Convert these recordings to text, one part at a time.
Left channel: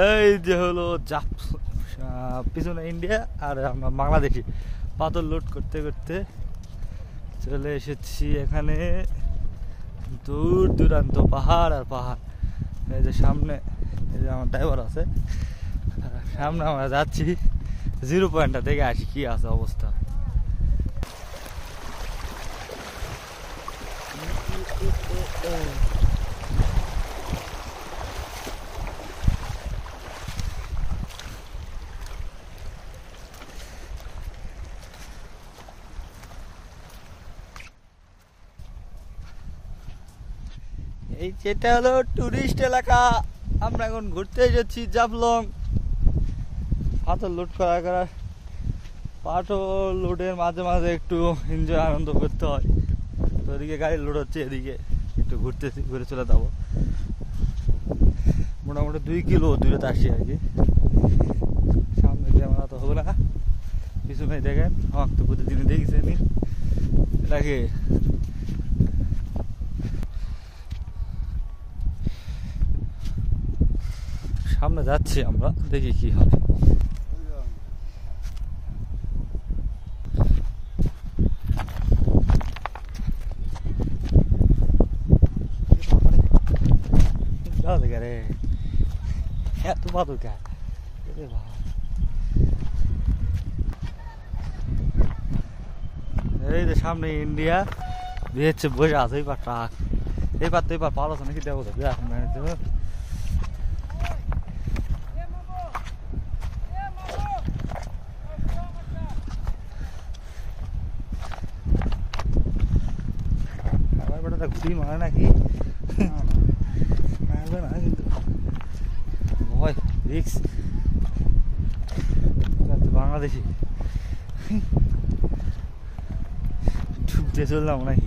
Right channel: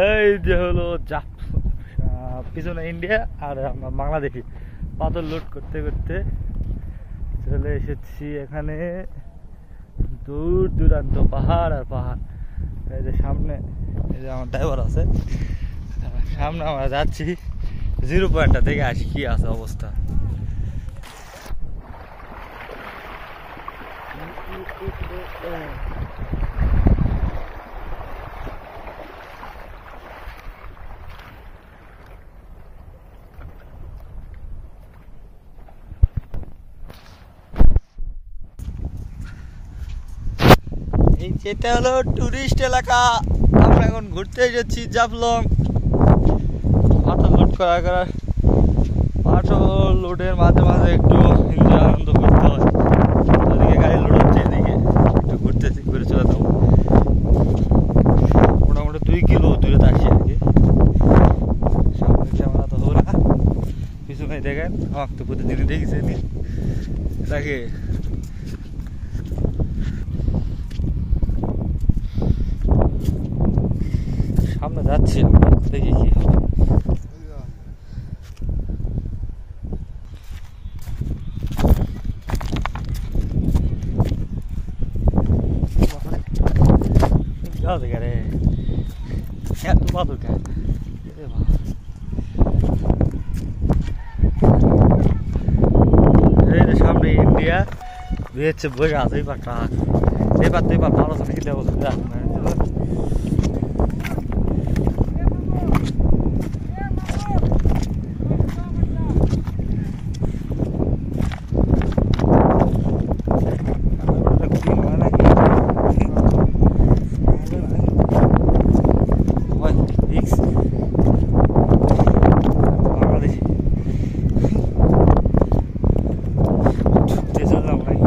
এই যে হলো পিছনে ইন্ডিয়া আর আমরা বাংলাদেশি পাথর লোড করতে করতে চলে এসেছি এখানে। দূর দূরান্ত পাহাড় আর পাহাড়। এই যে সামনে এই যে আমার ড্রাইভার আছে, সামনে আমরা যাচ্ছি জিরো পয়েন্টটা দেখে আসি কি আছে অবস্থা। এটা হলো টুরিস্ট এলাকা। আমরা এখন ঘুরতে যাচ্ছি জাফলং। পাথর লোড করার পাথর লোডের মাঝে মাঝে একটু এনজয় আনন্দ করতে হয়। ওদিকে গাড়ি লোড হচ্ছে, এদিকে একটু ঘুরতেছি, ঘুরে চলে যাবো। মোটামুটি 2 কিলো দূরে আসি আর কি। সামনে ক্যামেরা তো হবে না, পিছনে দেখেন আমাকে তো প্রতিদিনই দেখেছে এটাকে। সামনে যাচ্ছি আমরা, দেখি কি হয়। এই যে সামনে ইন্ডিয়া বেছে বসে আছে, এই পারটা এই পার তো এই পার ভালো আছে নাকি দেবো বাংলাদেশি চললাম নাকি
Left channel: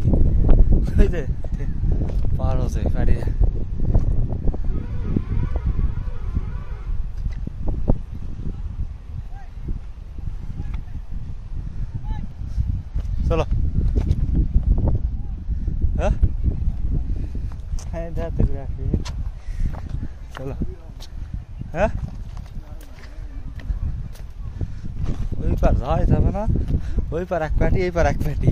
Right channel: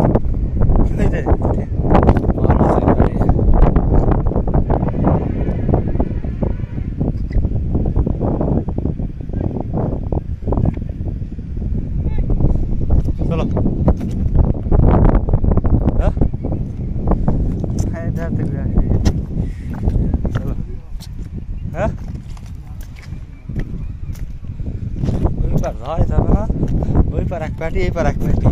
ভালো আছে গাড়ি। চলো হ্যাঁ চলো হ্যাঁ ওই পার ভাই যাবে না, ওই পার এক পাটি এই পার এক পাটি।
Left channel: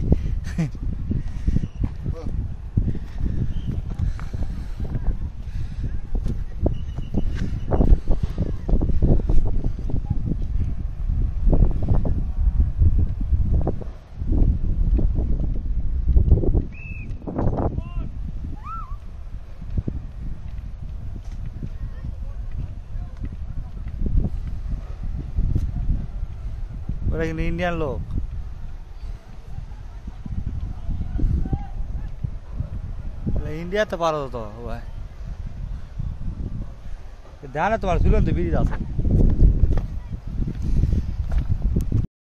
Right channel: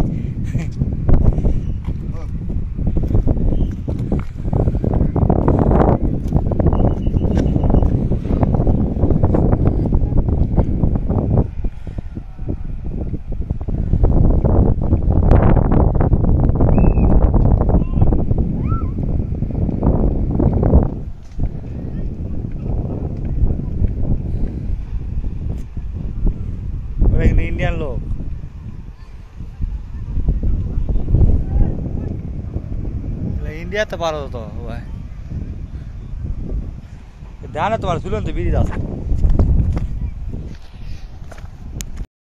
ওরা কিন্তু ইন্ডিয়ান লোক। ইন্ডিয়াতে পারো তো ভাই, ধ্যানে তোমার ঝুলন্ত বিড়ি আছে।